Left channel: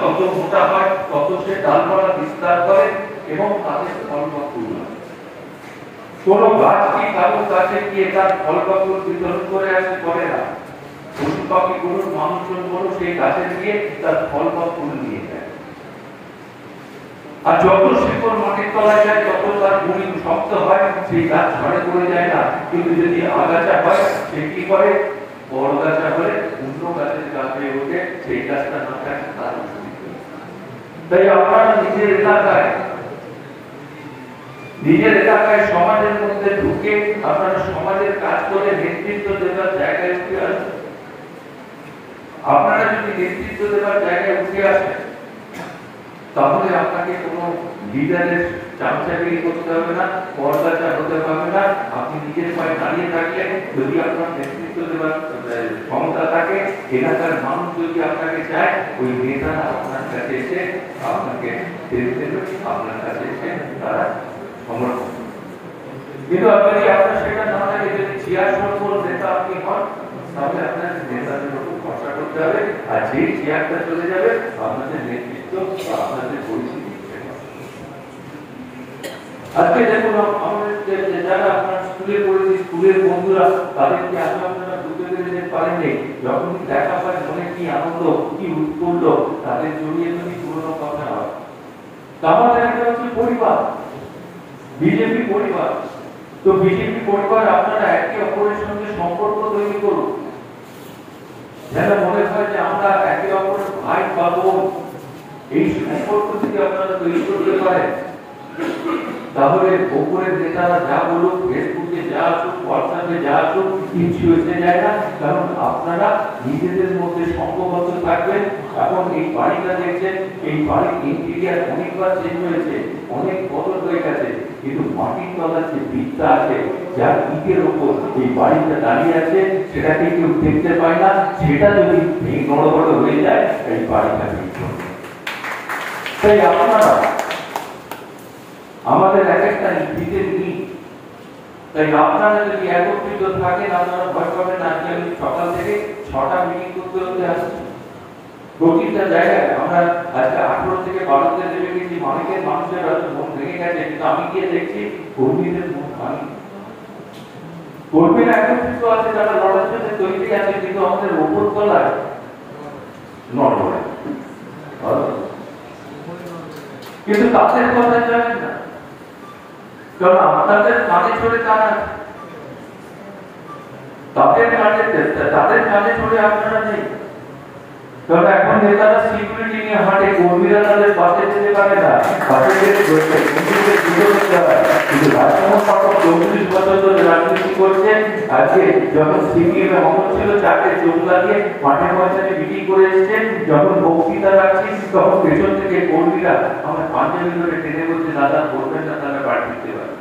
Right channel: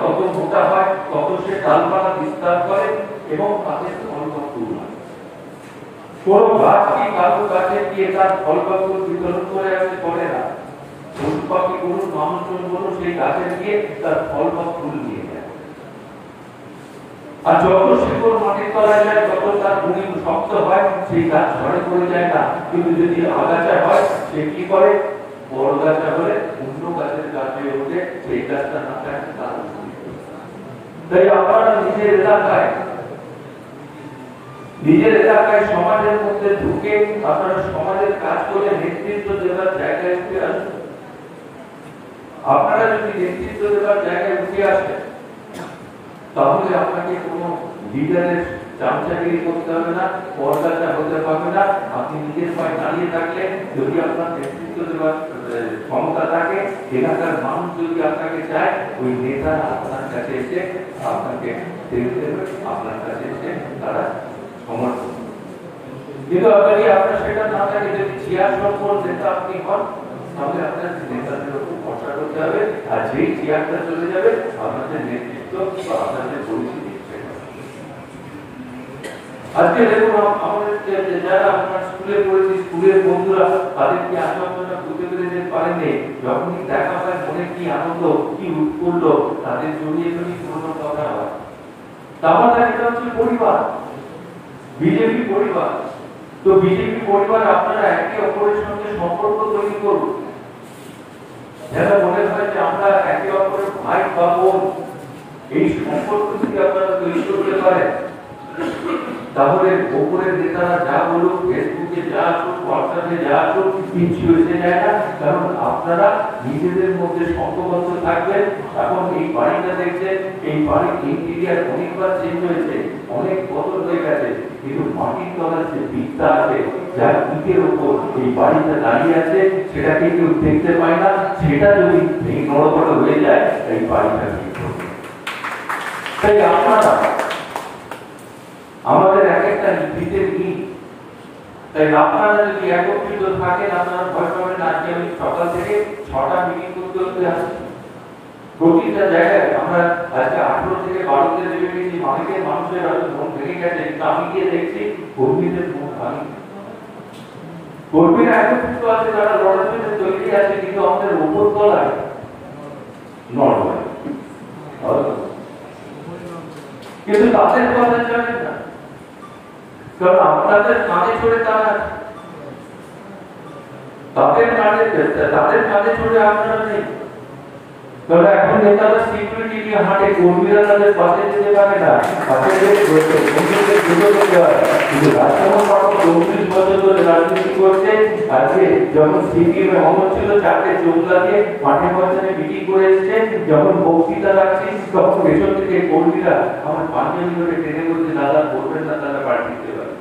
তত মোটা হয়, তত সে ডালপালা বিস্তার করে এবং তাদের ফলপাকুড় হয়। কোন গাছ কি কারো কাছে গিয়ে তার ফলপাকুড় বিতরণ করে আসতে পারে না। পশু পাখি গরু মানুষজন গরু সেই গাছে গিয়ে তার ফলপাকুড় নিয়ে যায়। আর যত শিকড় মাটির তলায় যায় তত তার ভূমি শক্ত হয়, সেই গাছ ঝড়ে পড়ে যায় না। কিন্তু যদি আগাছা হয় সে কি করে, বড় গাছা হলে অন্য গাছের গাছে ওঠে, সেই গাছটা না থাকে তার। তাই আপনারা নিজের এলাকায় সমাজের মধ্যে ঢুকে আপনারা সমাজের কাজ করে নেতৃত্ব দেওয়ার জায়গায় উঠে আসুন। আপনারা যদি নেতৃত্ব দেওয়ার জায়গায় উঠে আসেন তাহলে আপনাকে কোনো লিডারের চামচাগিরি করতে হবে না, পরদাচা হতে পারবে না। আপনি নিজের পায়ে দাঁড়িয়ে থাকলে যদি আপনার নেতৃত্ব দেওয়ার ক্ষমতা থাকে, এলাকার মানুষ যদি আপনাকে চায়, ওই নেতারা আপনার কাছে এসে আপনাকে আপনার কাছে এসে তারা সমর্থন। কিন্তু আপনার সেটা না থাকে, যদি চেয়ার সম্পর্ক নেতা আপনি হন, তাহলে আপনার নেতাদের উপর ভরসা করতে হবে। আর যে চেয়ারটা চলে যাবে আপনাদের নেতৃত্ব বা আপনাদের পরিস্থিতি। আজকে দেখুন আমাদের যারা আপনার স্কুলে পড়েছি, স্কুলের বন্ধুরা, তাদেরকে আপনারা বুঝতে পেরে পারেননি, যখনই দেখা হয় মনে কি আনন্দ, কি উৎফুল্ল, তাদের জড়িয়ে যদি পুরোনো কথা হয়। তাহলে এটা হচ্ছে পরিবার, বিজেপি পরিবার। তো বিজেপি পরিবার আপনারা একে অপরের সঙ্গে সম্পর্ক তৈরি করুন। যেন মনে হয় যে আমরা একে অপরের ভাই বা বোন। এই সম্পর্ক যদি আপনারা তৈরি করতে পারেন, তাহলে ওপরের নেতারা যা বলুক, ফেসবুকে যা আসুক, হোয়াটসঅ্যাপে যা আসুক, কিছু এসে যায় না। কারণ আপনারা নিজেদের মধ্যে সংঘবদ্ধ থাকবেন। এখন এই বাড়িটা দেখছেন, এই বাড়ির ইন্টেরিয়ার অনেকবার চেঞ্জ হয়েছে, অনেক বদল হয়ে গেছে, কিন্তু মাটির তলার যে ভিতটা আছে, যার ইটের উপর এই বাড়িটা দাঁড়িয়ে আছে, সেটাকে কেউ দেখতে পায় না। সেটা যদি নড়বড় হয়ে যায়, এই বাড়িটা ভেঙে পড়বে। তাই আপনারা আমাদের এক একটা নীতিতে নিই। তাই আপনারা যদি একত্রিত থাকেন, আপনারা ভয় পাবেন। আজকে আমি সকাল থেকে 6টা মিটিং করতে আসছি প্রতিটা জায়গায়। আমরা আজকে 18 থেকে 12তে দেবে গেছি। অনেকের মানুষের হয়তো মন ভেঙে গেছে, কিন্তু আমি গিয়ে দেখছি কর্মীদের মন ভাঙি। কর্মীরা একত্রিত আছে, যারা লড়ার জন্য তৈরি আছে, কিন্তু আমাদের উপর তলায় নড়ে। কিন্তু তাদের কথা জানেন না, কারণ আপনাদের কাঁধে ছড়ে তারা, তাদের কাঁধে ছড়ে আপনারা নেই। কারণ এখন নেতারা সিকিউরিটি নিয়ে হাঁটে, কর্মীরা তাদের পাশে যেতে পারে না, পাশে কিন্তু রাজমোহন বাবু 34 বছর ধরে রাজনীতি করছে। আজকে যখন সিপিএম অমর ছিল, 4টে চোখ লাগিয়ে মাঠের ময়দানে মিটিং করে এসেছেন। যখন বক্তৃতা রাখছি, তখন পেছন থেকে কর্মীরা আমার পাঞ্জাবি ধরে টেনে বলছে, দাদা করবেন না, তারা বাড়ি দিতে পারে।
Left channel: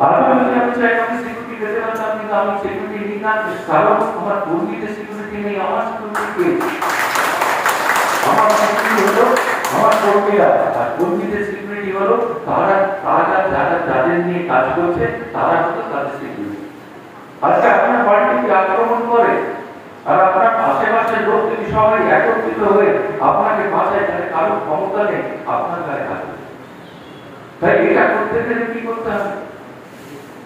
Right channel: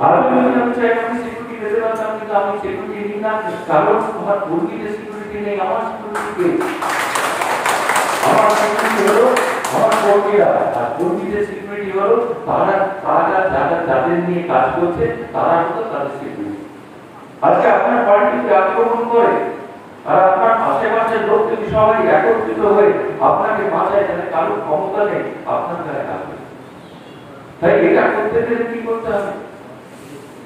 আমি চাই আমি সিকিউরিটি দিতে পারতাম, কিন্তু আমি সিকিউরিটি নিই না, কারণ আমার কর্মীদের সিকিউরিটি নেই, আমার সিকিউরিটি আমার হলো আমার কর্মীরা। আর কর্মীদের সিকিউরিটি হলো তারা যাদের নিয়ে কাজ করছে, তারা হলো তাদের সিকিউরিটি। আজকে আপনার বাড়িতে আক্রমণ করে, আর আপনার আশেপাশের লোক যদি সবাই একত্রিত হয়ে আপনাকে বাঁচায়, তাহলে কারো ক্ষমতা নেই আপনার গায়ে হাত। তাই এটা করতে গেলে কি করতে হবে?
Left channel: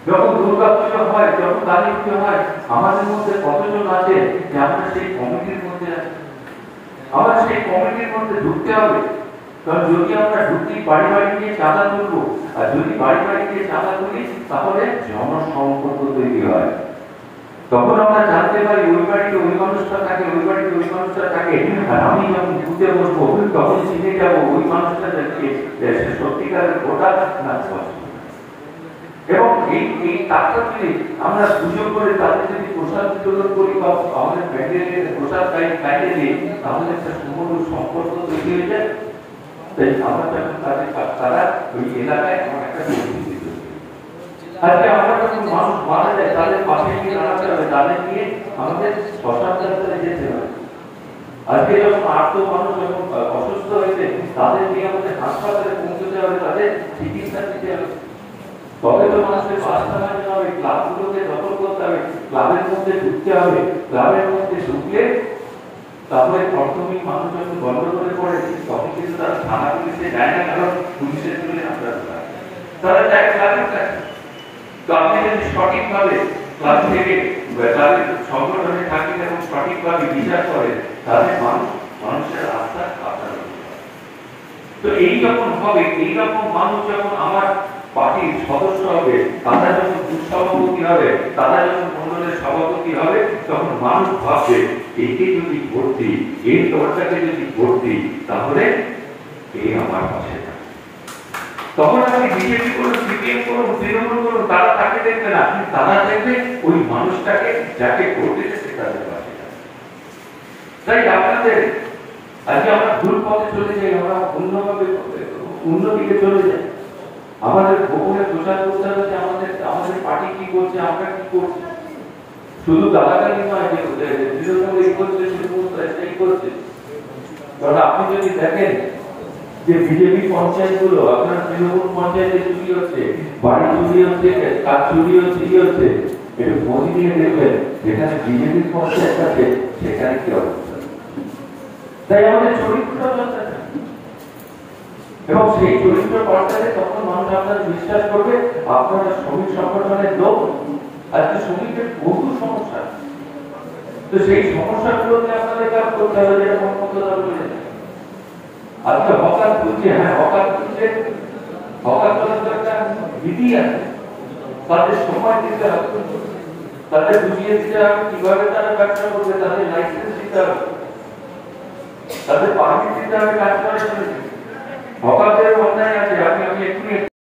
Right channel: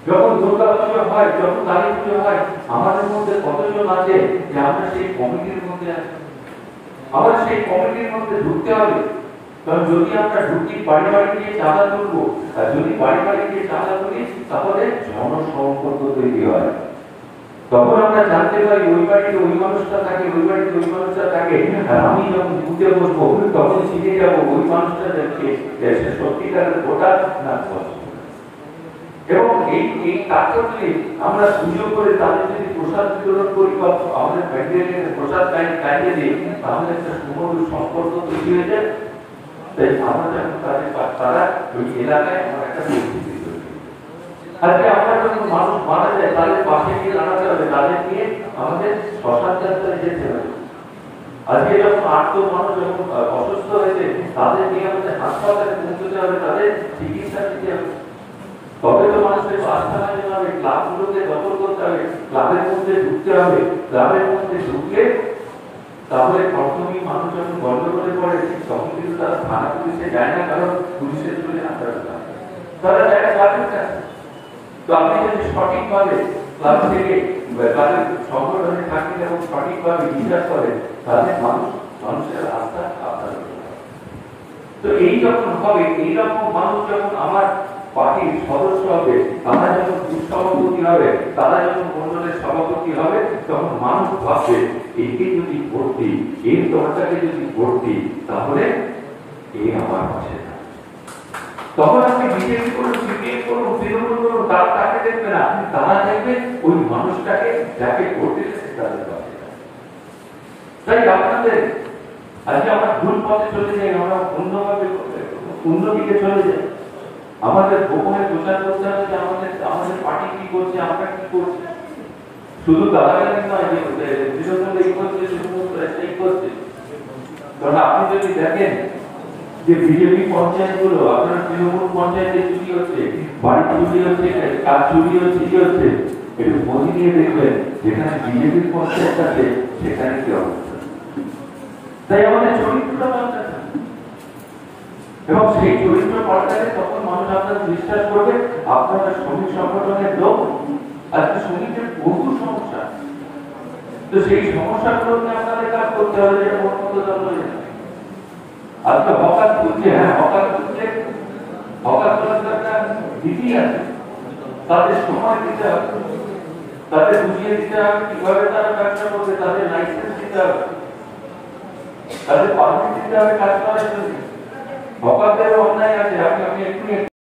যখন দুর্গা পুজো হয়, যখন কালী পুজো হয়, আমাদের মধ্যে কতজন আছে যে আমরা সেই কমিটির মধ্যে আছি? আমরা সেই কমিটির মধ্যে ঢুকতে হবে। কারণ যদি আমরা ঢুকি, বাড়ি বাড়ি গিয়ে চাঁদা তুলবো, আর যদি বাড়ি বাড়ি গিয়ে চাঁদা তুলি, তাহলে জনসম্পর্ক তৈরি হয়। তখন আমরা জানতে পারি ওই বাড়িতে ওই মানুষটা থাকে, ওই বাড়িতে ওই মানুষটা থাকে। আর আমি যখন বুঝতে বসবো, তখন চিনে যাবো ওই মানুষটা যাচ্ছে সত্যিকারের ভোটার না। এবং এই কাজটি আমরা সুযোগ করে তাদের যদি প্রসাদ বিতরণ করি বা আমাদের প্যান্ডেলের প্রসাদ খাইয়ে দিই, তাহলে একটা সুমধুর সম্পর্ক তৈরি হয়ে যায়। তাই আমরা যখন তারা ওই এলাকায় আমার একটা পরিস্থিতি তৈরি। আজকে আমরা যখন মানুষ মারা যায়, তাদের পাশে গিয়ে দাঁড়াতে হবে, তাদের নিয়ে আমাদের শ্মশান যাত্রায় যেতে হবে। আজকে যখন আর্ত মানুষ যখন অসুস্থ হয়েছে, তাদের নিয়ে আমাদের হাসপাতালে পৌঁছতে হবে, তাদের চিকিৎসা দিতে হবে। তবে তো মানুষের বাসা বানাতে হবে, ক্লাবগুলোকে দখল করতে হবে, ক্লাবের মধ্যে ঢুকতে হবে। ক্লাবের মধ্যে ঢুকলে তাহলে প্রথমেই মানুষ যখন গন্ডগোলে পড়ে তখন কিন্তু তারা থানা পুলিশে যায় না, কারণ পুলিশের জন্য আপনারা তারা যায় ক্লাবের কাছে। তো আপনি যদি সঠিকভাবে ক্লাব থেকে তাদের সংগঠনে থাকেন এবং সঠিকভাবে বিচার করেন, তাহলে মানুষের আস্থা আপনার। তো এই যখন হবে, এইরকম মানুষ যখন আমার পার্টির সদস্য হবে, তারা যখন বুথ সভাপতি হবে, তারা যখন মন্ডলের সভাপতি হবে, তখন মানুষ ভাববে একে যদি ভোট দিই, এই দলটাকে যদি ভোট দিই, তাহলে এই আমার পাশে থাকবে। তখন আপনি বিজেপি করুন, সিপিএম করুন, তৃণমূল করুন, তারা তাকে দেখবে না, তারা দেখবে ওই মানুষটাকে যাকে ভোট দিতেছে তাদের পাশে। তাই আপনাদের আজকে আমরা ভুল পথে চলে যাই, আমরা অন্যদিকে চলে যাই। আমাদের গোপনে প্রচার করতে হবে যে আমাদের পার্টি কি করছে, আমরা কি করছি। শুধু গালাগালি নয় যে তৃণমূল এই করছে, তৃণমূল এই করছে। কারণ আপনি যদি দেখেন যে বিজেপি পঞ্চায়েত গুলো, আপনার তৃণমূল পঞ্চায়েতে চুরি হচ্ছে, বাড়ি চুরি হচ্ছে, কাজ চুরি হচ্ছে, একটু খোঁজ নিয়ে দেখবেন যেখানে বিজেপির পঞ্চায়েত আছে সেখানে কি অবস্থা। তাই আমাদের চরিত্রটা পাল্টাতে, এবং সেই চরিত্র পাল্টালে তখন মানুষ আপনার বিশ্বাস করবে আপনারা শ্রমিক সংগঠনের লোক। আজকে শ্রমিকের বহু সমস্যা, তো সেই সমস্যাগুলোকে আপনাদের কাজ করতে হবে, যেটা মতো দল বলে। আজকে হকার তুলছে, হ্যাঁ হকার তুলছে, হকার তোলার একটা রীতি আছে, তাদের সময় দিতে হবে, তাদের বুঝিয়ে দিতে হবে কিভাবে তারা ব্যবসা করবে, তাদের লাইসেন্স দিতে হবে, তাদের পারমিট দিতে হবে কাজ করার জন্য। হকারদের অন্যায় আছে, আপনি একটু